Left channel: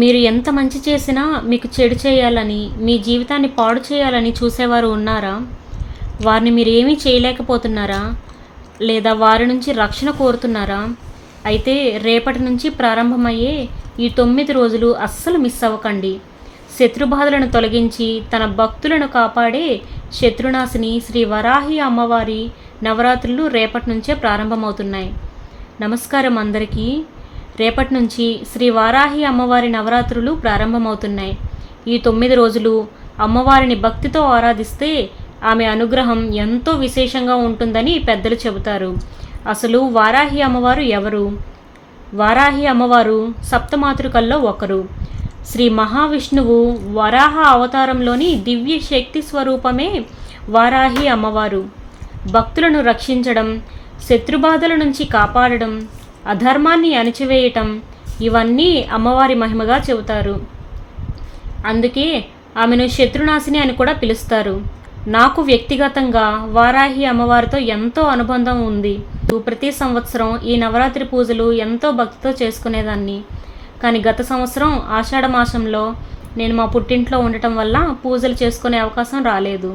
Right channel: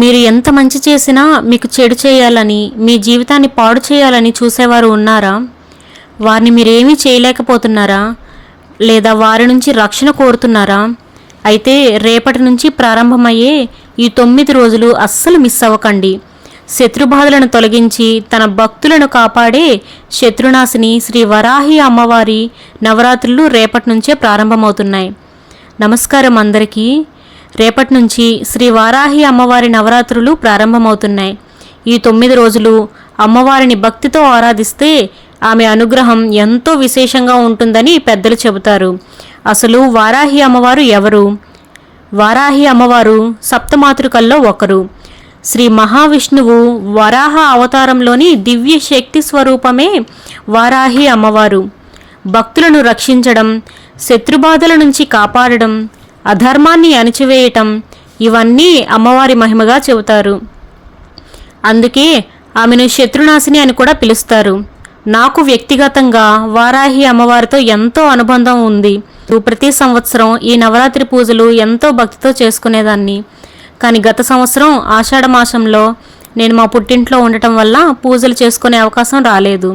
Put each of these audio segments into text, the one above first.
మీరు ఎంత మంచి చేసినా మీకు చెడు చేయాలని, మీ జీవితాన్ని పాడు చేయాలని చూసేవారు ఉన్నారా? వారిని మీరేమీ చేయలేకపోతున్నారా? లేదా వారి నుంచి రక్షణ కోరుతున్నారా? అయితే రేపటి నుంచి ప్రారంభమయ్యే ఈ 9 రోజులు అస్సలు మిస్ అవ్వకండి. శత్రుబాధలను తొలగించి తన భక్తులను కాపాడే శత్రునాశిని శ్రీ వరాహి అమ్మవారి నవరాత్రులు రేపటి నుంచే ప్రారంభమవుతున్నాయి. నమస్కారం అందరికీ. రేపటి నుంచి శ్రీ వారాహి అమ్మవారి నవరాత్రులు ప్రారంభమవుతున్నాయి. ఈ 9 రోజులు అమ్మవారిని భక్తితో ఆరాధిస్తే ఆమె అనుగ్రహం ఎంతో విశేషంగా ఉంటుందని పెద్దలు చెబుతారు. అసలు వారాహి అమ్మవారు ఎవరు? వారాహి అమ్మవారు సప్తమాతృకల్లో ఒకరు. శ్రీ మహావిష్ణువు వరాహ అవతారంలోని దివ్య శక్తి స్వరూపమే వారాహి అమ్మవారు. భక్తులను రక్షించడం, శత్రుబాధల నుంచి కాపాడడం, అధర్మాన్ని అణిచివేయటం ఇవన్నీ అమ్మవారి మహిమగా చెబుతారు. అందుకే ఆమెను శత్రునాశిని అని కూడా పిలుస్తారు. నాకు వ్యక్తిగతంగా వారాహి అమ్మవారితో ఎంతో అనుబంధం ఉంది. ప్రతి సంవత్సరం ఈ నవరాత్రి పూజలు ఎంతో భక్తితో చేసుకునేదాన్ని. కానీ గత సంవత్సరం ఆషాఢ మాసంలో నేను మా పుట్టింట్లో ఉండటం వల్ల పూజలు చేసుకునే అవకాశం రాలేదు.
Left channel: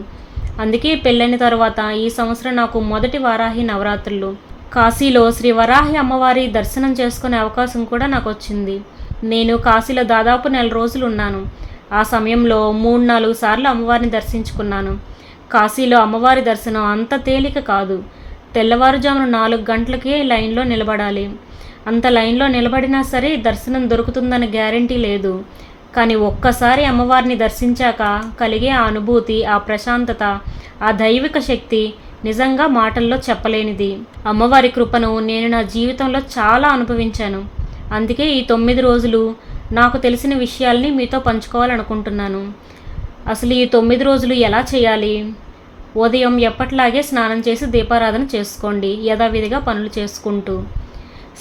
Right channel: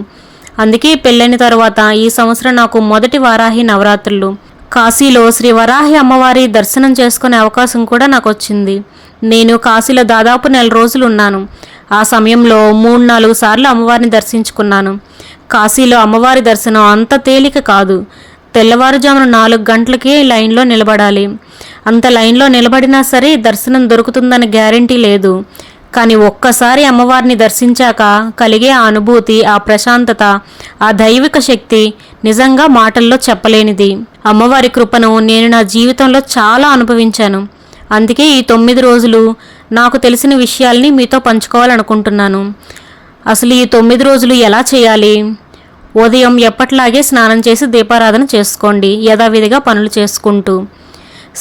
అందుకే పెళ్ళైన తర్వాత ఈ సంవత్సరం నాకు మొదటి వారాహి నవరాత్రులు. కాశీలో శ్రీ వరాహి అమ్మవారి దర్శనం చేసుకునే అవకాశం కూడా నాకు వచ్చింది. నేను కాశీలో దాదాపు 4 రోజులు ఉన్నాను. ఆ సమయంలో 3-4 సార్లు అమ్మవారిని దర్శించుకున్నాను. కాశీలో అమ్మవారి దర్శనం అంత తేలిక కాదు. తెల్లవారుజామున 4 గంటలకే లైన్లో నిలబడాలి. అంత లైన్లో నిలబడినా సరే దర్శనం దొరుకుతుందని గ్యారంటీ లేదు. కానీ ఒక్కసారి అమ్మవారిని దర్శించాక కలిగే ఆ అనుభూతి, ఆ ప్రశాంతత, ఆ దైవిక శక్తి నిజంగా మాటల్లో చెప్పలేనిది. అమ్మవారి కృపను నేను నా జీవితంలో చాలా అనుభవించాను. అందుకే ఈ 9 రోజులు నాకు తెలిసిన విషయాల్ని మీతో పంచుకోవాలనుకుంటున్నాను. అసలు ఈ 9 రోజులు ఎలా చేయాలి? ఉదయం ఎప్పట్లాగే స్నానం చేసి దీపారాధన చేసుకోండి, యథావిధిగా పనులు చేసుకుంటూ.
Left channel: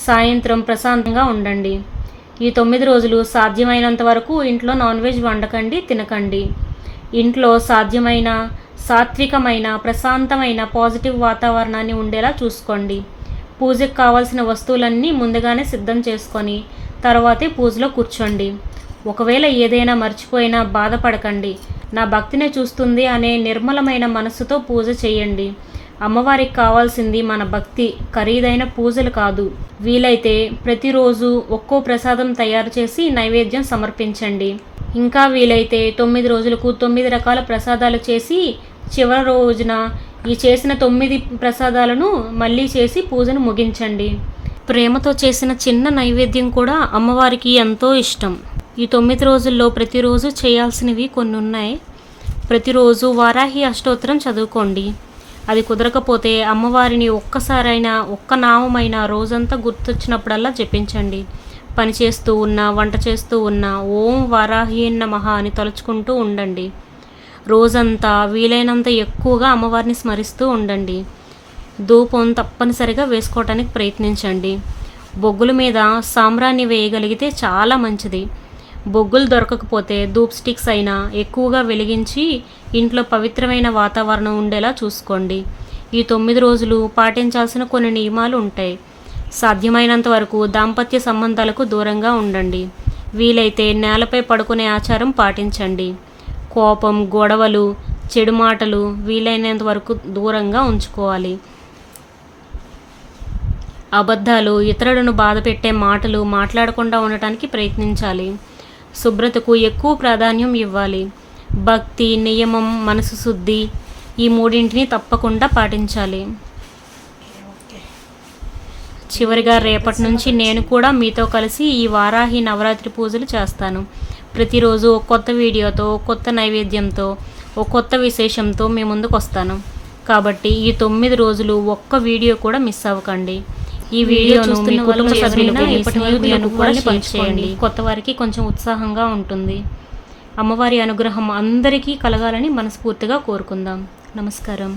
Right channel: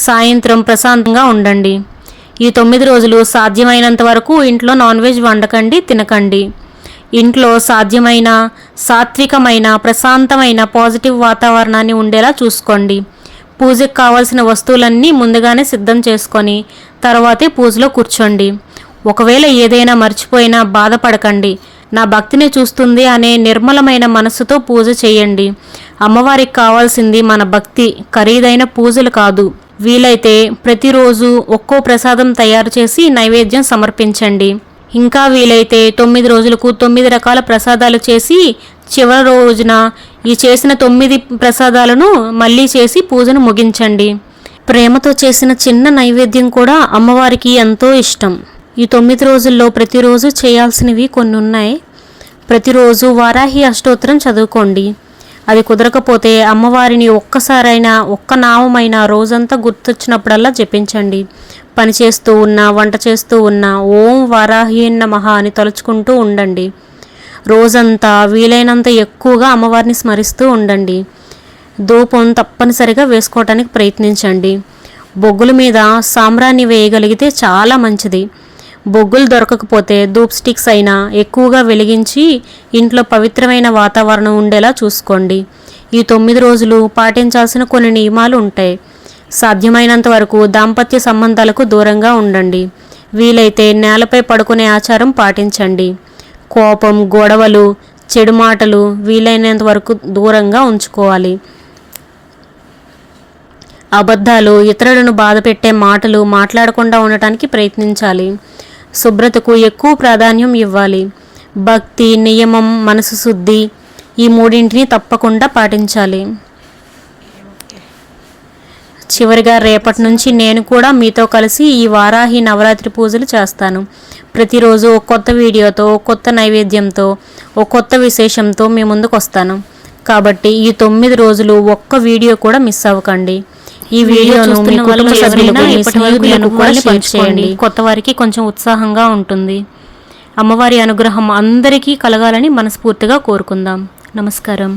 సాయంత్రం ప్రశాంతంగా ఉండండి. ఈ 9 రోజులు సాధ్యమైనంత వరకు ఇంట్లో నాన్ వెజ్ వండకండి, తినకండి. ఇంట్లో సాధ్యమైన సాత్వికమైన ప్రశాంతమైన పాజిటివ్ వాతావరణాన్ని ఉండేలా చూసుకోండి. పూజకు కావాల్సిన వస్తువులన్నీ ముందుగానే సిద్ధం చేసుకొని తర్వాతే పూజలో కూర్చోండి. ఒకవేళ ఏదైనా మర్చిపోయినా బాధపడకండి. నా భక్తిని చూస్తుంది అనే నిర్మలమైన మనస్సుతో పూజ చేయండి. అమ్మవారికి కావాల్సింది మన భక్తి, ఖరీదైన పూజలు కాదు. వీలైతే ప్రతిరోజు ఒక్కో ప్రసాదం తయారు చేసి నైవేద్యం సమర్పించండి. ఇంకా వీలైతే 9 రోజులకు 9 రకాల ప్రసాదాలు చేసి చివరి రోజున ఈ చేసిన 9 ప్రసాదాలను మళ్ళీ చేసి పూజను ముగించండి. ప్రేమతో చేసిన చిన్న నైవేద్యం కూడా అమ్మవారికి ఎంతో ఇష్టం. ఈ 9 రోజుల్లో ప్రతిరోజు చేయాల్సినవి కొన్ని ఉన్నాయి. ప్రతిరోజు వారాహి అష్టోత్తరం చదువుకోండి. అది కుదరకపోతే అమ్మవారిని ఒక్కసారైనా ఒక్క నామమైనా రోజంతా గుర్తొచ్చినప్పుడల్లా జపించండి. పని చేస్తూ ఉన్నా, వంట చేస్తూ ఉన్నా ఓం వారాహి నమః అని తలుచుకుంటూ ఉండండి. రోజంతా వీలైనంత ఎక్కువగా అమ్మవారిని స్మరిస్తూ ఉండండి. ధూపం తప్పనిసరిగా వేసుకోవటానికి ప్రయత్నించండి. బొగ్గుల మీద సాంబ్రాణి వేయగలిగితే చాలా మంచిది. బొగ్గులు దొరకకపోతే ధూప్ స్టిక్స్ అయినా ఎక్కువగా వెలిగించి ఇంట్లో పవిత్రమైన వాతావరణం ఉండేలా చూసుకోండి. ఈ 9 రోజులు పాటించాల్సిన కొన్ని నియమాలు ఉంటాయి. సాధ్యమైనంత వరకు దాంపత్య సంబంధాలకు దూరంగా ఉండండి. వీలైతే నేలపై పడుకునే ఆచారం పాటించండి. కోపం, గొడవలు, చెడు మాటలు వీలైనంత వరకు దూరంగా ఉంచుకోవాలి. అబద్ధాలు, ఇతరులను బాధపెట్టే మాటలు మాట్లాడకుండా ఉండటానికి ప్రయత్నించాలి. శుభ్రతకు ఎక్కువ ప్రాధాన్యం ఇవ్వాలి. భక్తి, నియమం, మనసు శుద్ధి ఈ 3 తప్పకుండా పాటించాలి. చివరిగా రేపటి నుంచి నేను కూడా మీతో కలిసి ఈ వారాహి నవరాత్రి పూజలు చేస్తాను. ప్రతిరోజు ఒక కొత్త వీడియోతో, ఒక కొత్త నైవేద్యంతో, ఒక కొత్త విశేషంతో మీ ముందుకు వస్తాను. కాబట్టి ఈ 9 రోజులు ఒక్క వీడియో కూడా మిస్ అవ్వకండి. ఈ వీడియోను మీ కుటుంబ సభ్యులకు, మీ స్నేహితులకు కూడా షేర్ చేయండి. కొత్త వారికి కొంచెం ఉత్సాహంగా ఉంటుంది. అమ్మవారి అనుగ్రహం అందరికీ కలగాలని మనస్ఫూర్తిగా కోరుకుందాం. నమస్కారం.